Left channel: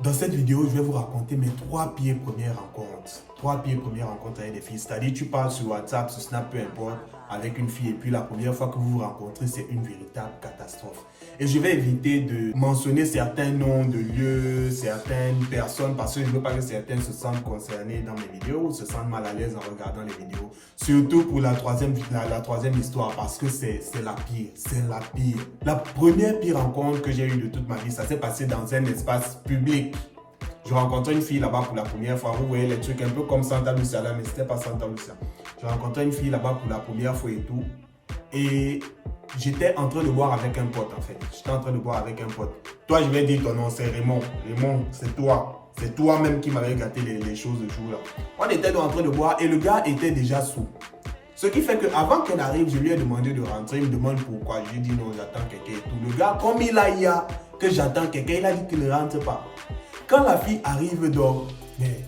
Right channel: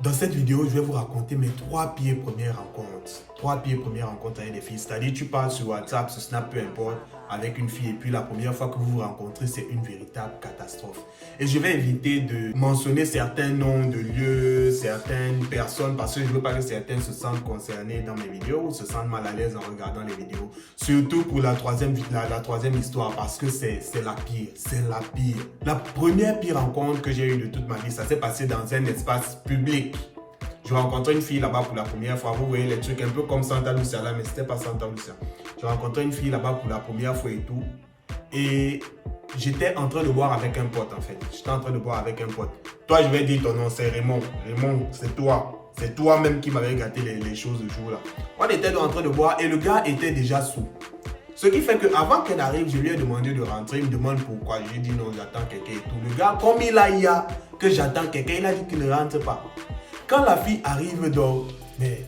Dans cette vidéo, je vais vous raconter mes 3 pires premières rencontres. 3 pires premières rencontres avec des filles. C'est-à-dire, tu parles sur WhatsApp, sur Snap, peu importe, avec une fille. Et puis, la première fois que vous vous rencontrez, c'est une véritable catastrophe. Et je vais éviter de mentionner certains noms de lieux, certaines personnes, parce que je ne veux pas que certaines se sentent concernées dans mes vidéos ou se sentent mal à l'aise en regardant les vidéos. Surtout pour la troisième histoire, parce que c'est la pire. C'est la pire. La première pire rencontre que j'ai eue de toute ma vie, ça s'est passé dans un espace public. Je rencontrais une fille là-bas pour la première fois. Vous voyez les trucs un peu comme Santa Lucia là, mais c'était pas Santa Lucia. Je rencontrais une fille là-bas pour la première fois et tout. Et j'étais en train de boire avec un pote en fait. J'étais en train de boire avec un pote. Toi, je vais dire ton nom, c'est Raymond. Raymond, c'est toi. C'est toi-même qui m'avais gâté les choses le jour là. On était en train de boire et le gars était déjà sous. Ce qui fait qu'avant qu'elle arrive, je lui ai demandé de rentrer. Il me demande pourquoi. Je lui ai dit non, j'attends quelqu'un et tout. Le gars, comme il a dit que j'attends quelqu'un, il a dit qu'il ne rentre pas. Quand la fille arrive donc, mais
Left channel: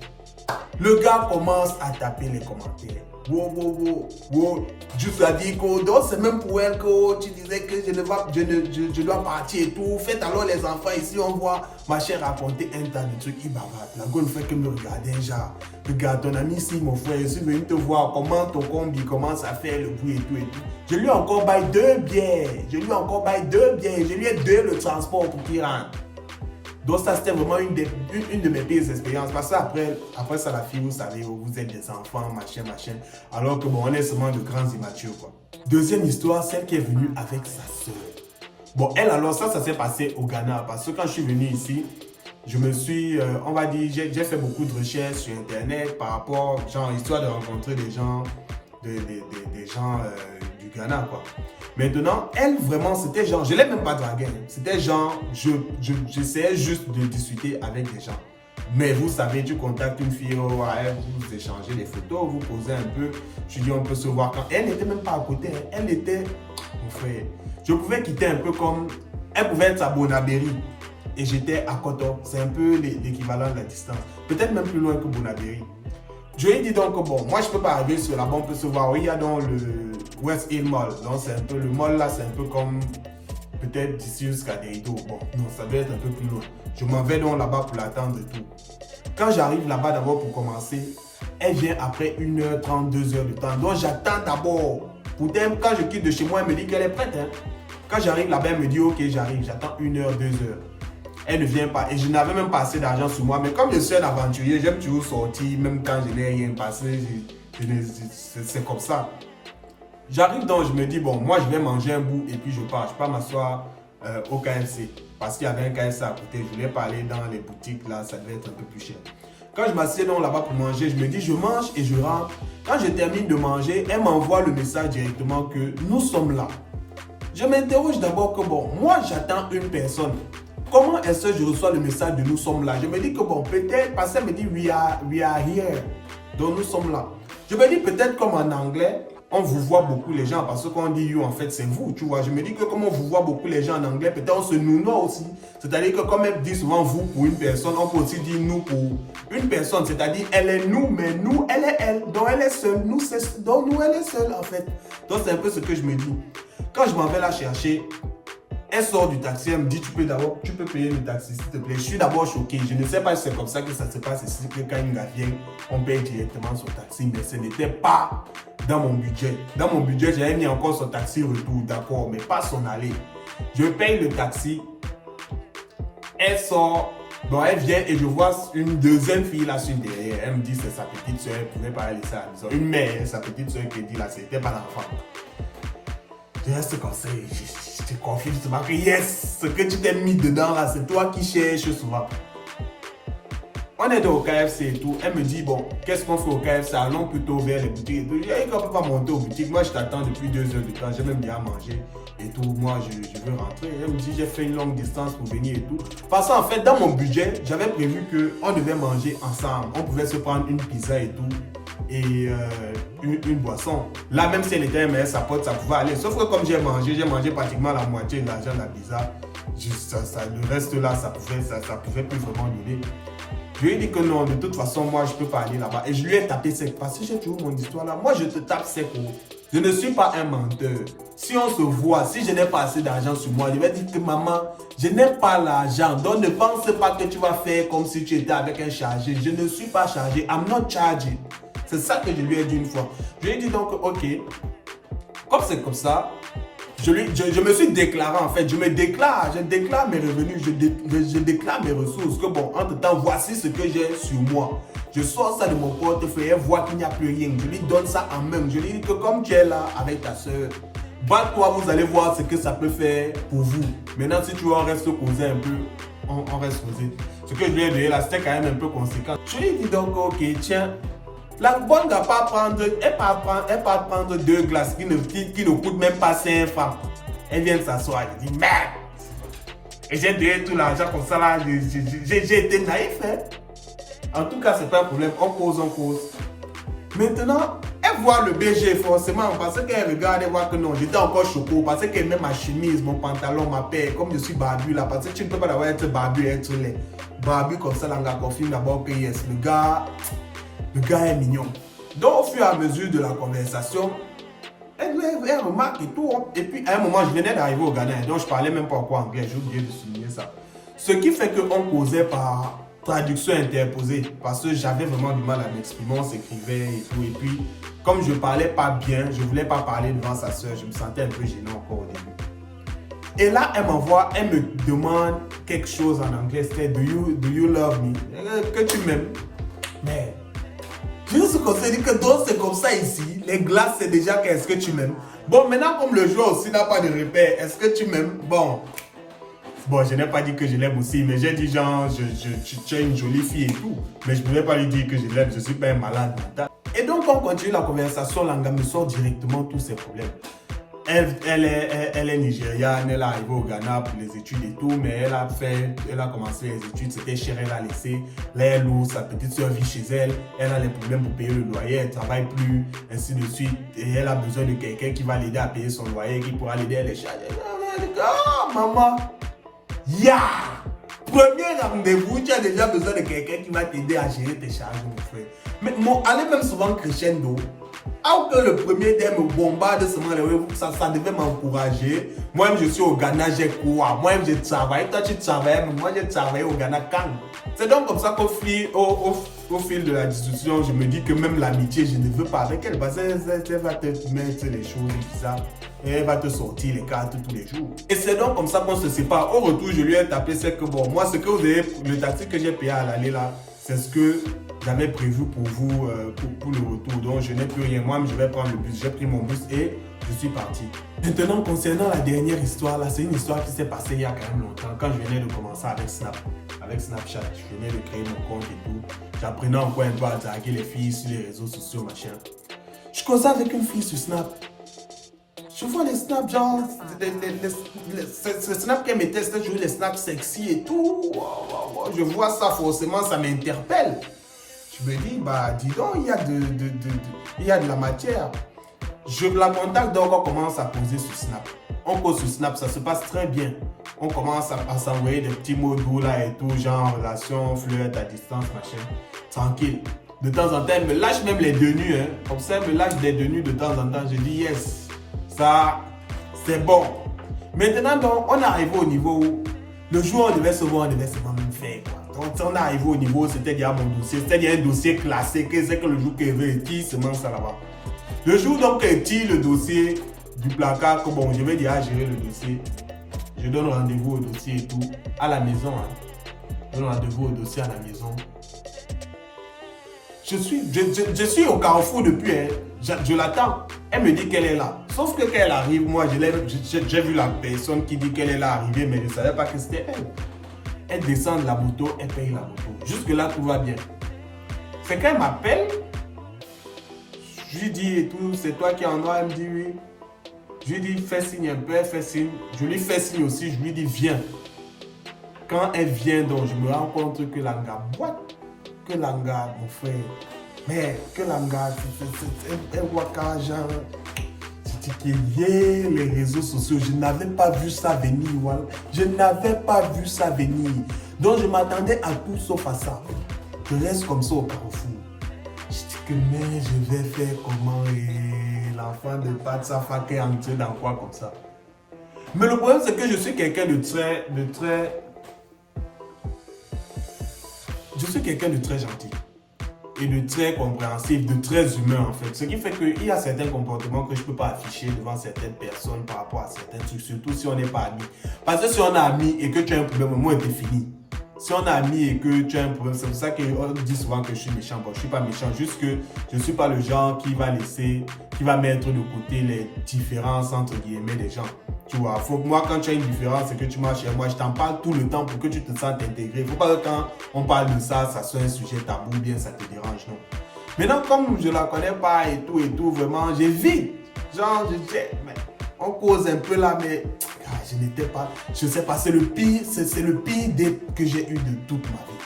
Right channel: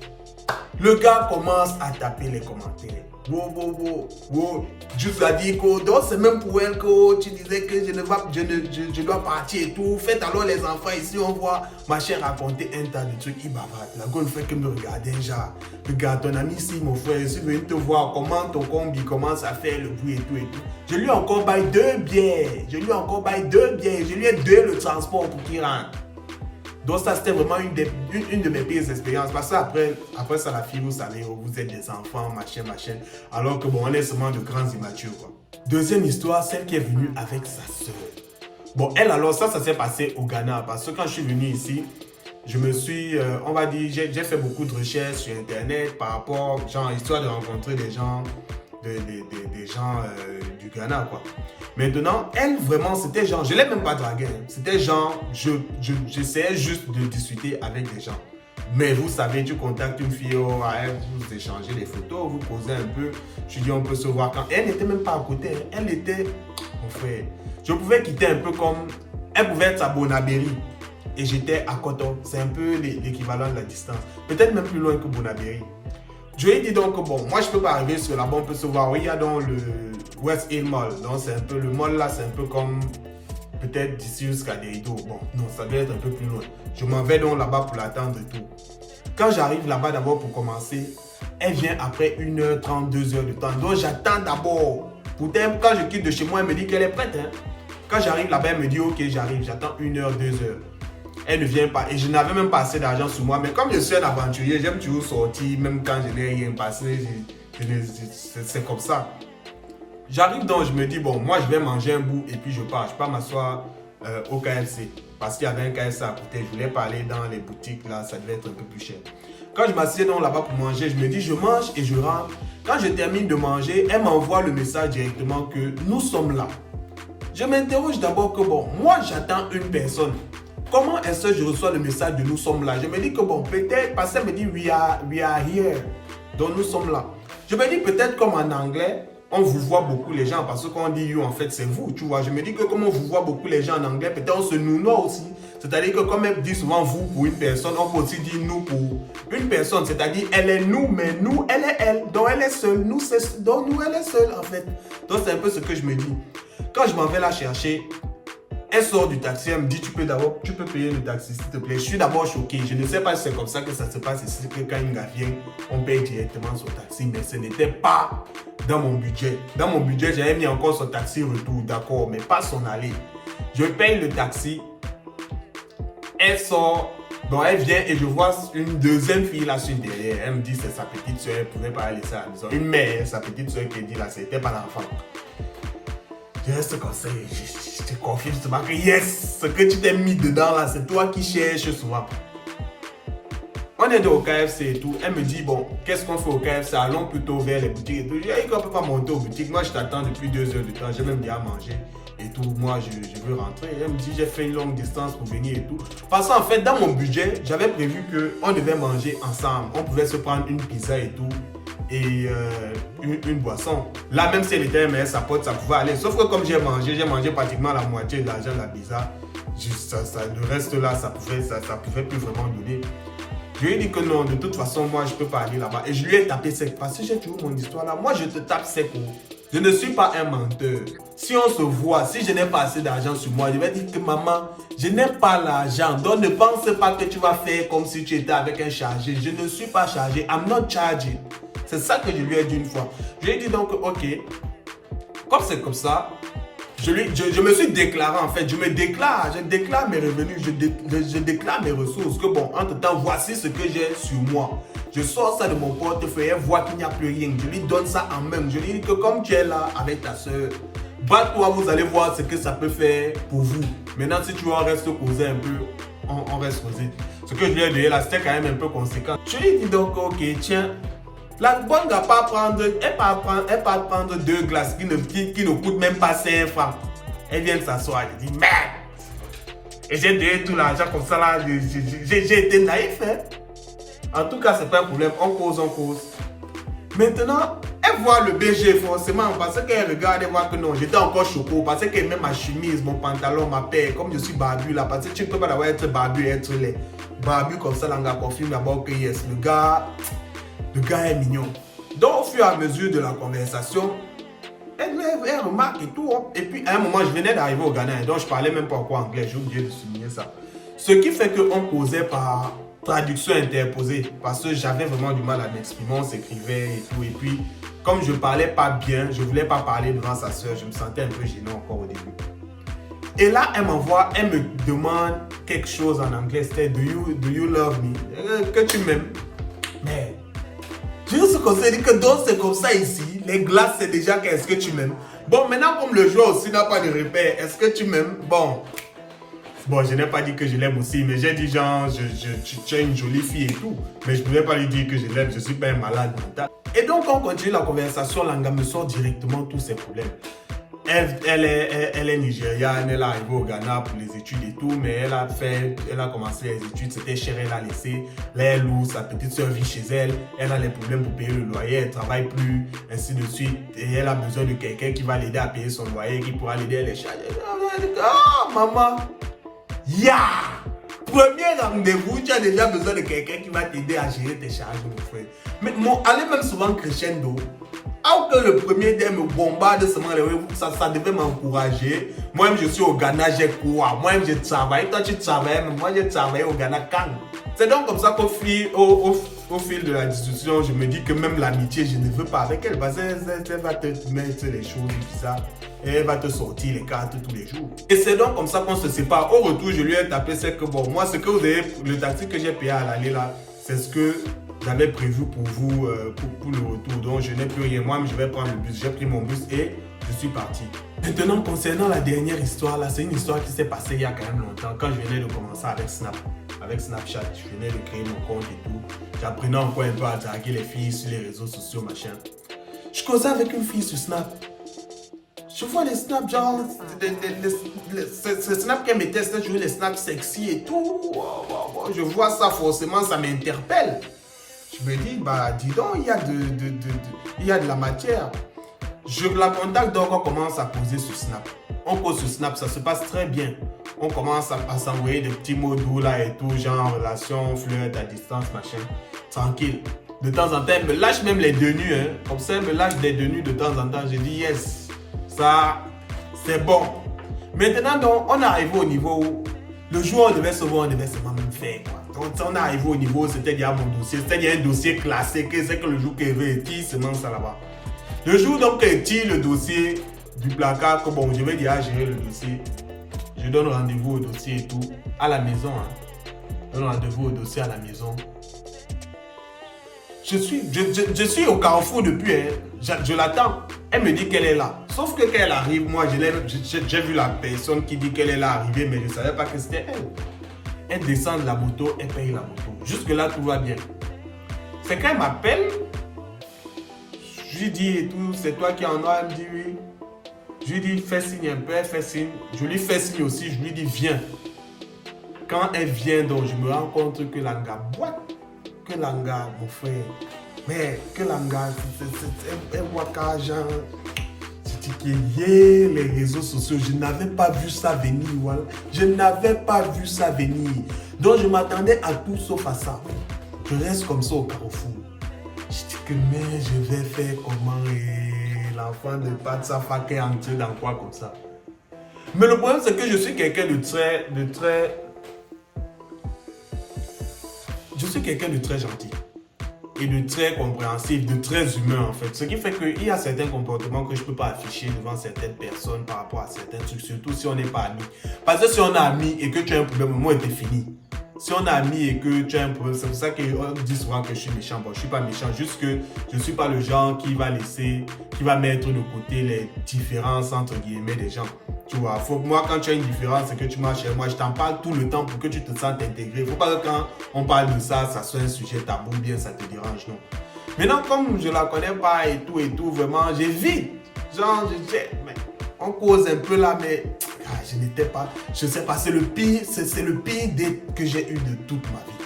le gars commence à taper les commentaires. Wow. Jusqu'à dire que c'est même pour elle que tu disais que je dois partir et tout. Faites alors les enfants ici, on voit ma chère raconter un tas de trucs. Il bavarde. La gueule fait que me regarder déjà. Regarde ton ami ici, mon frère, je suis venu te voir comment ton combi commence à faire le bruit et tout et tout. Je lui ai encore baillé 2 bières. Je lui ai donné le transport pour qu'il rentre. Donc ça, c'était vraiment une de mes pires expériences. Parce qu'après ça, la fille, vous savez, vous êtes des enfants, machin. Alors que bon, on est seulement de grands immatures, quoi. Deuxième histoire, celle qui est venue avec sa soeur. Bon, elle, alors ça s'est passé au Ghana. Parce que quand je suis venu ici, je me suis, on va dire, j'ai fait beaucoup de recherches sur Internet par rapport, genre, histoire de rencontrer des gens, des gens du Ghana, quoi. Maintenant, elle, vraiment, c'était genre, je ne l'ai même pas draguée. C'était genre, j'essayais juste de discuter avec des gens. Mais vous savez, tu contactes une fille, vous échangez des photos, vous posez un peu. Je dis, on peut se voir quand. Elle n'était même pas à côté. Elle était, mon frère, je pouvais quitter un peu comme, elle pouvait être à Bonabéry. Et j'étais à Coton. C'est un peu l'équivalent de la distance. Peut-être même plus loin que Bonabéry. Je lui ai dit donc, bon, moi je peux pas arriver sur là-bas, on peut se voir. Il y a dans le West Hill Mall. Donc c'est un peu, le mall là, c'est un peu comme peut-être d'ici jusqu'à Deido. Bon, non, ça doit être un peu plus loin. Je m'en vais donc là-bas pour l'attendre et tout. Quand j'arrive là-bas d'abord pour commencer, elle vient après 1h30, 2h de temps. Donc j'attends d'abord. Pourtant, quand je quitte de chez moi, elle me dit qu'elle est prête. Hein. Quand j'arrive là-bas, elle me dit, ok, j'arrive, j'attends 1h, 2h. Elle ne vient pas et je n'avais même pas assez d'argent sur moi. Mais comme je suis un aventurier, j'aime toujours sortir, même quand je n'ai rien passé, c'est comme ça. J'arrive donc, je me dis, bon, moi je vais manger un bout et puis je pars. Je pars m'asseoir au KFC parce qu'il y avait un KFC à côté. Je voulais pas aller dans les boutiques là, ça devait être un peu plus cher. Quand je m'assieds donc là-bas pour manger, je me dis, je mange et je rentre. Quand je termine de manger, elle m'envoie le message directement que nous sommes là. Je m'interroge d'abord que bon, moi j'attends une personne. Comment est-ce que je reçois le message de nous sommes là? Je me dis que bon, peut-être, parce qu'elle me dit we are here. Donc nous sommes là. Je me dis peut-être comme en anglais, on vous voit beaucoup les gens, parce que quand on dit you, en fait, c'est vous, tu vois. Je me dis que comme on vous voit beaucoup les gens en anglais, peut-être on se nomme aussi. C'est-à-dire que comme elle dit souvent vous pour une personne, on peut aussi dire nous pour une personne. C'est-à-dire elle est nous, mais nous, elle est elle. Donc elle est seule, donc nous, elle est seule en fait. Donc c'est un peu ce que je me dis. Quand je m'en vais la chercher, elle sort du taxi, elle me dit tu peux payer le taxi s'il te plaît. Je suis d'abord choqué. Je ne sais pas si c'est comme ça que ça se passe ici, que quand une gars vient, on paye directement son taxi, mais ce n'était pas dans mon budget. Dans mon budget, j'avais mis encore son taxi retour, d'accord, mais pas son aller. Je paye le taxi, elle sort, donc elle vient et je vois une deuxième fille là sur derrière. Elle me dit c'est sa petite soeur, elle ne pouvait pas aller ça à la maison. Une mère, sa petite soeur qui dit là, c'était pas l'enfant. Je reste comme ça, je te confie justement que yes, ce que tu t'es mis dedans là, c'est toi qui cherches souvent. On est au KFC et tout, elle me dit bon, qu'est-ce qu'on fait au KFC? Allons plutôt vers les boutiques et tout. J'ai dit qu'on ne peut pas monter aux boutiques, moi je t'attends depuis 2 heures de temps, j'ai même bien mangé et tout, moi je veux rentrer. Elle me dit j'ai fait une longue distance pour venir et tout. Parce qu'en fait dans mon budget, j'avais prévu qu'on devait manger ensemble, on pouvait se prendre une pizza et tout. Et une boisson. Là, même si elle était mais sa pote, ça pouvait aller. Sauf que comme j'ai mangé pratiquement la moitié de l'argent de la pizza. Le reste là, ça pouvait plus vraiment donner. Je lui ai dit que non, de toute façon, moi, je ne peux pas aller là-bas. Et je lui ai tapé sec. Parce que j'ai toujours mon histoire là. Moi, je te tape sec. Je ne suis pas un menteur. Si on se voit, si je n'ai pas assez d'argent sur moi, je vais dire que maman, je n'ai pas l'argent. Donc ne pense pas que tu vas faire comme si tu étais avec un chargé. Je ne suis pas chargé. I'm not charging. C'est ça que je lui ai dit une fois. Je lui ai dit donc, ok, comme c'est comme ça, je me suis déclaré en fait. Je déclare mes revenus, je déclare mes ressources. Que bon, entre-temps, voici ce que j'ai sur moi. Je sors ça de mon portefeuille, elle voit qu'il n'y a plus rien. Je lui donne ça en même. Je lui dis que comme tu es là avec ta soeur, bat-toi, vous allez voir ce que ça peut faire pour vous. Maintenant, si tu restes causer un peu, on reste causé. Ce que je lui ai donné là, c'était quand même un peu conséquent. Je lui dis donc, ok, tiens, la bonne ne va pas prendre, elle va prendre 2 glaces qui ne coûtent même pas 5 francs. Elle vient de s'asseoir, elle dit, merde. Et j'ai donné tout l'argent comme ça là, j'ai été naïf, hein. En tout cas, c'est pas un problème, on cause. Maintenant, elle voit le BG forcément parce qu'elle regarde et voit que non, j'étais encore choco, parce qu'elle met ma chemise, mon pantalon, ma paire, comme je suis barbu là, parce que tu ne peux pas d'abord être barbu et être laid. Barbu comme ça, là, on confirme d'abord que yes, le gars est mignon. Donc, au fur et à mesure de la conversation, elle remarque et tout. Et puis, à un moment, je venais d'arriver au Ghana, donc je parlais même pas encore anglais, j'ai oublié de souligner ça. Ce qui fait qu'on causait par traduction interposée, parce que j'avais vraiment du mal à m'exprimer, on s'écrivait et tout. Et puis, comme je parlais pas bien, je voulais pas parler devant sa soeur, je me sentais un peu gêné encore au début. Et là, elle m'envoie, elle me demande quelque chose en anglais, c'était do you love me? Que tu m'aimes? Mais, je me dit que donc c'est comme ça ici, les glaces c'est déjà qu'est-ce que tu m'aimes? Bon, maintenant comme le joueur aussi n'a pas de repère, est-ce que tu m'aimes? Bon, je n'ai pas dit que je l'aime aussi, mais j'ai dit genre, tu es une jolie fille et tout. Mais je ne voulais pas lui dire que je l'aime, je ne suis pas un malade mental. Et donc, on continue la conversation, Langa me sort directement tous ses problèmes. Elle est nigériane, elle est arrivée au Ghana pour les études et tout, mais elle a commencé les études, c'était cher, elle a laissé. Là, elle loue, sa petite soeur vit chez elle, elle a les problèmes pour payer le loyer, elle ne travaille plus, ainsi de suite. Et elle a besoin de quelqu'un qui va l'aider à payer son loyer, qui pourra l'aider à les charger. Oh, maman! Premier rendez-vous, tu as déjà besoin de quelqu'un qui va t'aider à gérer tes charges, mon frère. Mais allez même souvent crescendo. Alors que le premier dé me bombarde seulement les rendez-vous, ça devait m'encourager. Moi-même, je suis au Ghana, j'ai quoi? Moi-même, je travaille. Toi, tu travailles, mais moi, j'ai travaillé au Ghana quand? C'est donc comme ça qu'au fil de la discussion, je me dis que même l'amitié, je ne veux pas avec elle. Parce qu'elle va te mettre les choses bizarres. Et elle va te sortir les cartes tous les jours. Et c'est donc comme ça qu'on se sépare. Au retour, je lui ai tapé, c'est que bon, moi, ce que vous avez, le taxi que j'ai payé à l'aller là, c'est ce que j'avais prévu pour vous, pour le retour. Donc, je n'ai plus rien. Moi, je vais prendre le bus. J'ai pris mon bus et je suis parti. Maintenant, concernant la dernière histoire là, c'est une histoire qui s'est passée il y a quand même longtemps. Quand je venais de commencer avec Snapchat, je venais de créer mon compte et tout. J'apprenais encore un peu à draguer les filles sur les réseaux sociaux, machin. Je causais avec une fille sur Snap. Je vois les snaps, genre, les snaps qu'elle mettait, c'était toujours les snaps sexy et tout. Je vois ça, forcément, ça m'interpelle. Je me dis, bah, dis donc, il y a de la matière. Je la contacte, donc on commence à poser sur Snap. On pose sur Snap, ça se passe très bien. On commence à s'envoyer des petits mots doux là et tout, genre relation, flirt à distance, machin. Tranquille. De temps en temps, elle me lâche même les denus. Hein. Comme ça, elle me lâche des denus de temps en temps. Je dis yes. Ça, c'est bon. Maintenant, donc, on est arrivé au niveau où le jour où on devait se voir, on devait seulement nous faire. Quoi. Donc, on est arrivé au niveau où c'était déjà mon dossier. C'était déjà un dossier classé. C'est que le jour qu'elle veut, qui se mange ça là-bas. Le jour donc qu'elle tire le dossier du placard, que bon, je vais déjà gérer le dossier. Je donne rendez-vous au dossier et tout, à la maison. Hein. Je donne rendez-vous au dossier à la maison. Je suis au carrefour depuis, hein. Je l'attends. Elle me dit qu'elle est là. Sauf que quand elle arrive, moi, j'ai vu la personne qui dit qu'elle est là arriver, mais je ne savais pas que c'était elle. Elle descend de la moto, elle paye la moto. Jusque-là, tout va bien. C'est quand elle m'appelle, je lui dis et tout, c'est toi qui en as, elle me dit oui. Je lui dis, fais signe un peu, elle fait signe. Je lui fais signe aussi, je lui dis, viens. Quand elle vient, donc, je me rends compte que Langa boite. Que Langa, mon frère, mais que Langa, elle voit quand genre, c'était les réseaux sociaux, je n'avais pas vu ça venir, voilà. Je n'avais pas vu ça venir. Donc je m'attendais à tout sauf à ça. Je reste comme ça au carrefour. Je dis que mais je vais faire comment l'enfant de pas sa fac est entier dans quoi comme ça. Mais le problème, c'est que je suis quelqu'un de très gentil. Et de très compréhensif, de très humain en fait. Ce qui fait qu'il y a certains comportements que je ne peux pas afficher devant certaines personnes par rapport à certains trucs, surtout si on n'est pas amis. Parce que si on est amis et que tu as un problème, au moins c'est fini. Si on est amis et que tu as un problème, c'est pour ça qu'on dit souvent que je suis méchant. Bon, je ne suis pas méchant, juste que je ne suis pas le genre qui va mettre de côté les différences entre guillemets des gens. Tu vois, faut que moi, quand tu as une différence et que tu marches chez moi, je t'en parle tout le temps pour que tu te sentes intégré. Il ne faut pas que quand on parle de ça, ça soit un sujet tabou, bien ça te dérange, non. Maintenant, comme je ne la connais pas et tout, vraiment, j'évite. Genre, je dis, mais on cause un peu là, mais je n'étais pas, je ne sais pas, c'est le pire date que j'ai eu de toute ma vie.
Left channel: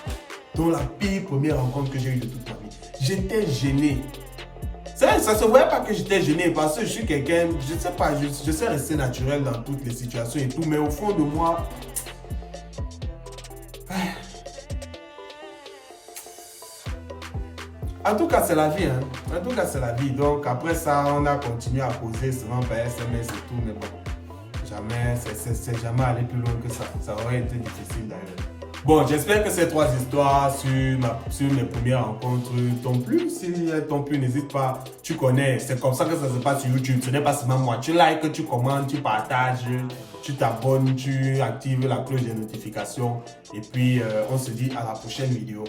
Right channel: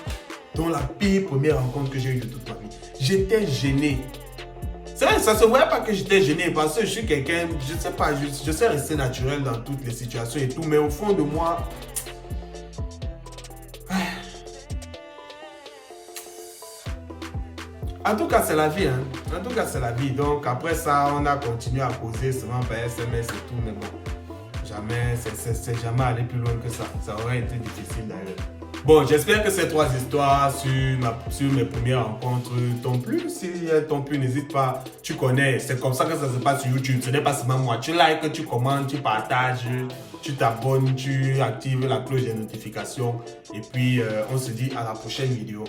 Donc, la pire première rencontre que j'ai eue de toute ma vie. J'étais gêné. C'est vrai, ça ne se voyait pas que j'étais gêné parce que je suis quelqu'un, je ne sais pas, je sais rester naturel dans toutes les situations et tout, mais au fond de moi, en tout cas, c'est la vie, hein. En tout cas, c'est la vie. Donc, après ça, on a continué à causer souvent par SMS et tout, mais bon, jamais, c'est jamais allé plus loin que ça. Ça aurait été difficile d'ailleurs. Bon, j'espère que ces 3 histoires sur mes premières rencontres t'ont plu. Si elles t'ont plu, n'hésite pas. Tu connais, c'est comme ça que ça se passe sur YouTube. Ce n'est pas seulement moi. Tu likes, tu commentes, tu partages, tu t'abonnes, tu actives la cloche des notifications. Et puis, on se dit à la prochaine vidéo.